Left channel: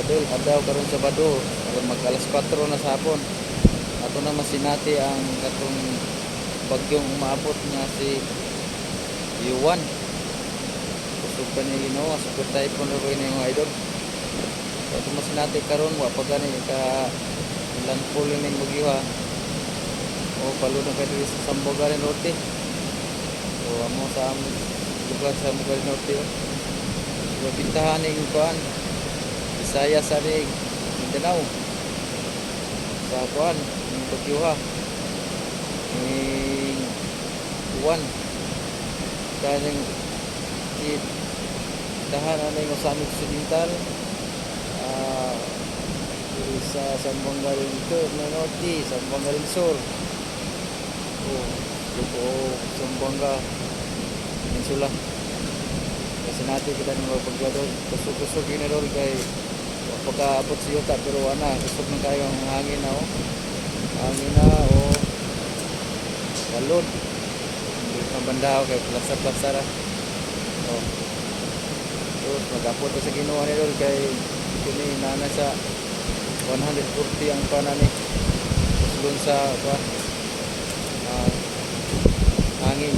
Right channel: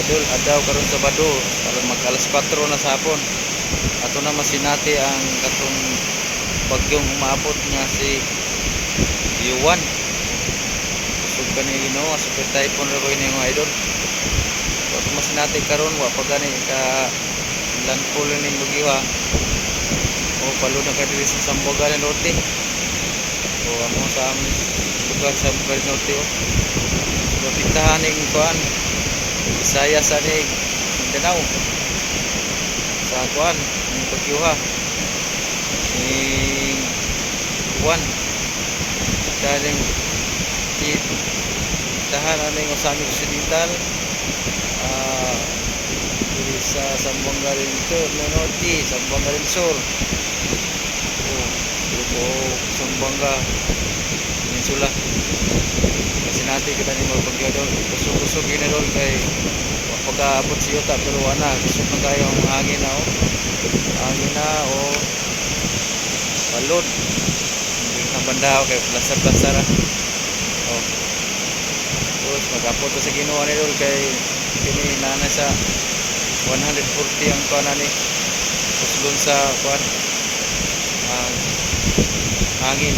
idol, adaw karon Sabado, alam mag alas 4 na sa hapon. Ato na masinati ang katong bagyong umaabot nga si Yuan. Kusog ka ni Ginoo, super typhoon ra ko ini idol. Ato masinati karon wa pa gani ka landfall bagyo ha. O palo na ka diri sa Samboga del Norte. O amo sa lugar sa Samboga del Norte o. Mapintahan ning kuan. Bisaya sa ning Mindanao. Sa kuan ning bagyo ha. Ning kuan. Daling ti tahan aning Osami Occidental. Diri sa Sambuanga del Sur, Norte, Sambuanga del Sur. Oh, Lupo, Sambuanga, Peninsula. Natin kita ni mga doon. Kusog-kusog yun na doon kay pagkaabot si Yuta pero ana, kusog na kayo ang hangin na oh. Hangin na oh. Balod. Na banda kay plastar-plastar ah. Oh. Terus magapot sa Ginoo ni doon kay kini nana sa 140 ang kuan ani. Puslon sa kuan. Hangin.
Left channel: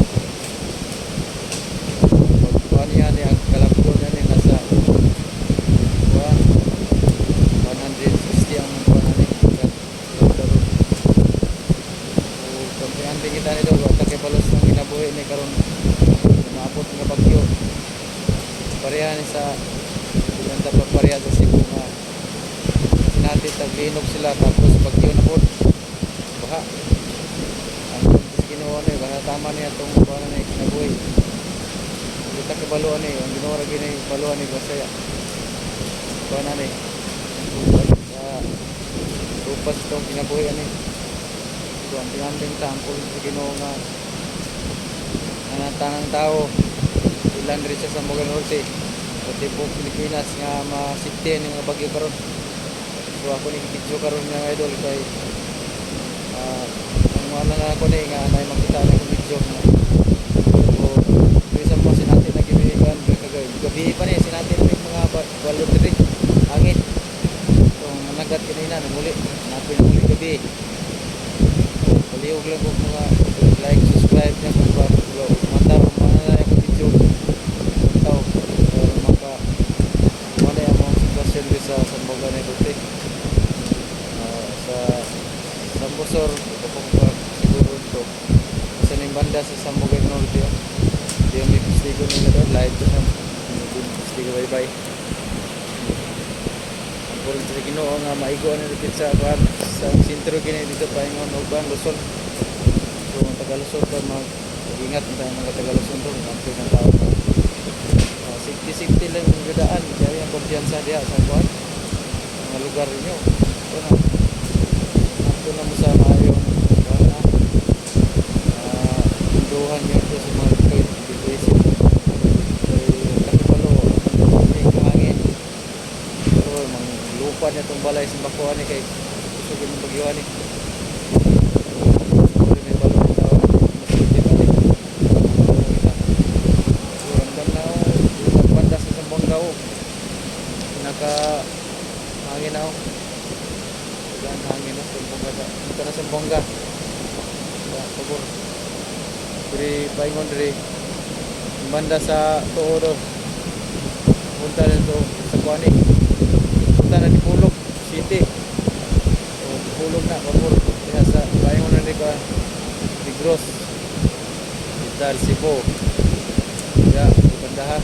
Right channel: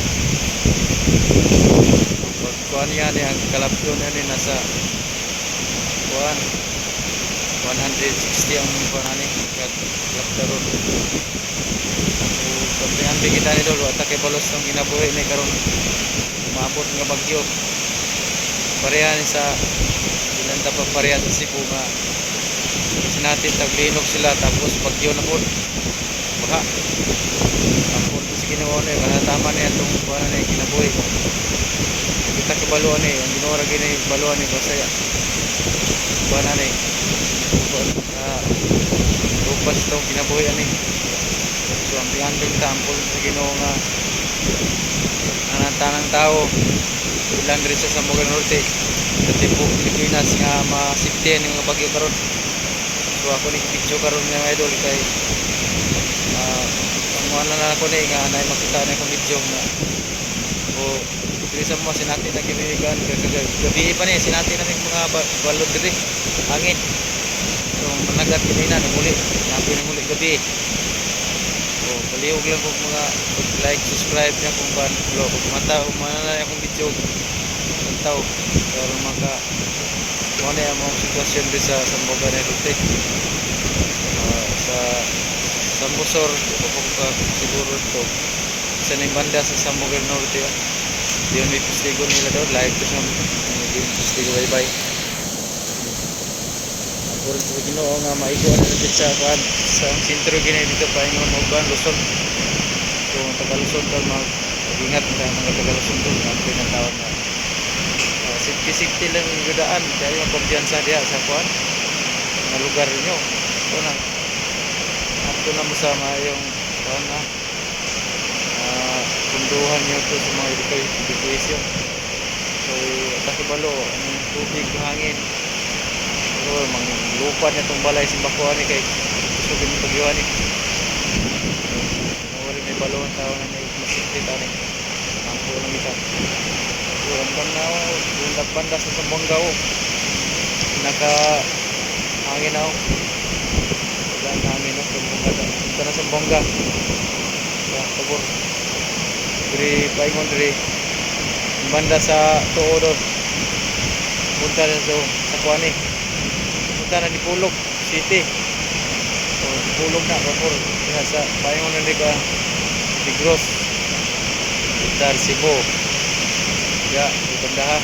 Pag kuan yan ang kalapdo na ni nasa kuan 160 ang kuan ani. Kalapdo ron. O kampihan bi kita ni dol wa ta kay balos tong ginabuhi ni karon maabot nga bagyo. Pareha ni sa ilan ta pa pareha sa Cebu nga kasi taglinog sila tapos bagyo na po baha ginawa na yun tama niya itong kuha na kinabuhi. Kita kabaluan ni ang ginawa rin ni baluan ni Basaya. Kuha na ni sa lupas itong kinabuhi ani so ang pinganting tampol sa ginawa nga anang tao ilan rin sa Sambugan Norte. Sa tipo Pilipinas nga masiptihan ng mga bagyo karon. So ako ni video karon nga idol na ako ni nga nay makita na akong video nga o diri sa mga sinati na gibigan gabi pa ni sinati na mga ba- balod diri hangin. So managat kinina ni muli napoy na muli gabi. O paliog lang kung mga like subscribe niya kung kan lo mata mana na akong video. Taw pero maka mo na yung mga sitwasyon sa Samboga ni Rute Ah, sa Sambusor po ka siguro ito. Sa ning banda sa Samboga del Norte oh. yun may pustigo nila doon. Live to sa hindi pustigo bye bye ang puro sa ginoo nga maigo na natin sa kuhan sa sintro gini dito pa ingon uban Luzon. So ang taga Luzon to mag ingat sa mga taga Luzon to ang pinatawag na uh, safety lang yung gudaan kaya yung kumpiyansa diya sa kuhan mga lugar nyo ito na ato na mo sa mayong na uh, punduhan nyo to sa mga education so takibalo ang tubig na hangin. Mang lupa niya itong balay simbakuan ni kay kusugin yung pagyuhan ni so may ang tao natin masitit ani ang tulong kita so ramdam na ako ulang banda sa Sambonga o naka hangin ako ang hangin o Sambonga na punta na Sambonga kaya pabor. Diri diri banda sa tuo doon punta na sa sa kuani punta na di Pulog City. O di Pulog na pabor. Kaya sa paingon na di ka di Gross Vital Cebu. Ya di banda ha.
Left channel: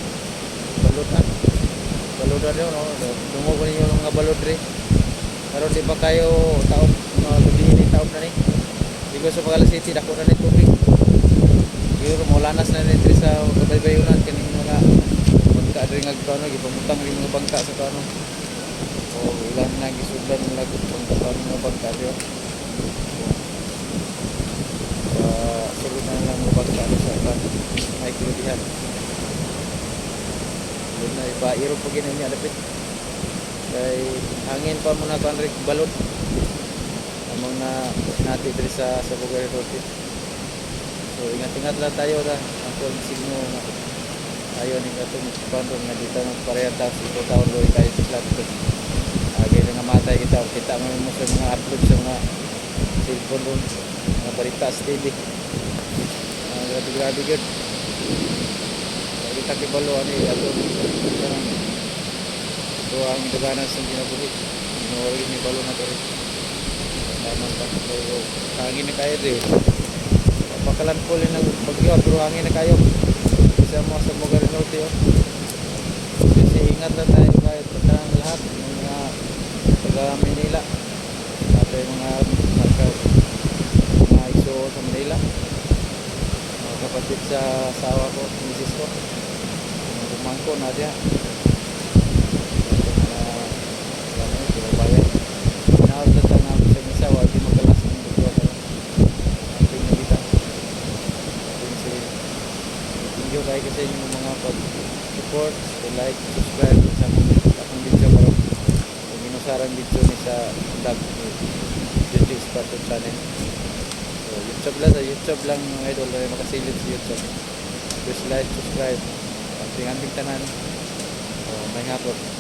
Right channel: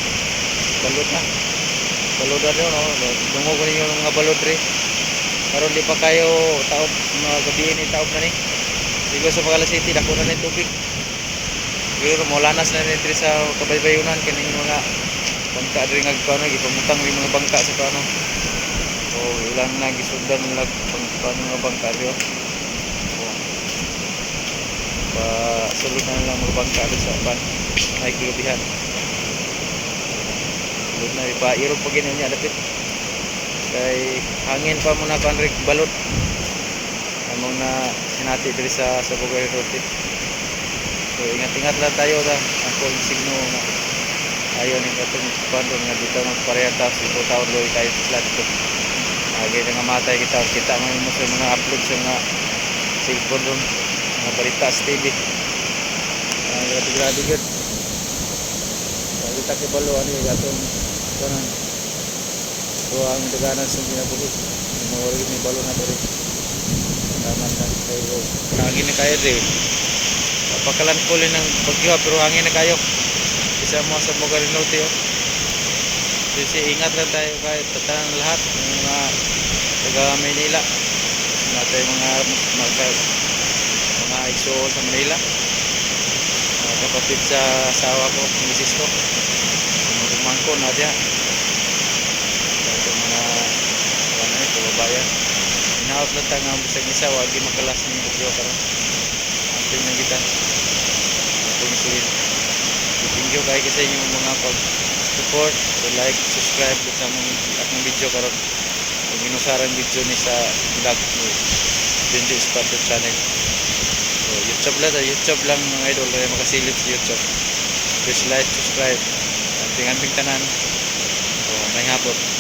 Balot na balot na yun no? dungo ko ninyo mga balot rin karon di pa kayo taop mga gabi ni taop na ni. Di ko sa Pagala City dako na ni tubig. Pero molanas na ni sa kabaybayunan kaning mga bangka diri nga kano gipamutang rin mga bangka sa kano o ilan na gisundan nila bangka mga bangka rin o pa sulod na lang mga bangka sa ban may kilubihan sulod na ipa irog pa ginawa niya dapit kay hangin pa muna kan rig balot among na sinati diri sa sa Bogor Norte so ingat-ingat lang tayo ta ang kung signo nga ayaw ni katong pandon nga dito ng pareha ta si taon loy tayo sa dito na nga matay kita. Kita mo yung sa mga upload sa mga cellphone doon. Mga balita sa TV. Ah, grabe grabe good. Pag kita kibalo ano yung atong kanan. Ito ang daganan sa ginabuhi. Inuwari ni balo na to rin. Taman ta. Kayo, hangin na kayo rin. Papakalan po rin ng bagyo pero hangin na kayo. Isa mo sa mga rinote oh. Kasi ingat lang tayo kahit tatanang lahat ng mga taga Manila. Lahat tayo mga mga, mga ISO sa Manila. Mga kapatid sa asawa ko, misis ko. Mga kumangko na diya. Lahat ng mga ano eh, kababayan. Tayo nga sa isa, wag di makalas ng bagyo karon. Amping na kita. Amping sige. Thank you kayo sa inyong mga pag support, so like, subscribe sa among akong video karon. Kung inusarang video ni sa vlog ni Junju Esparto channel. So YouTube lang, YouTube lang mga idol kaya makasilip sa YouTube. Please like, subscribe. Anting-anting tanan. So may hapon.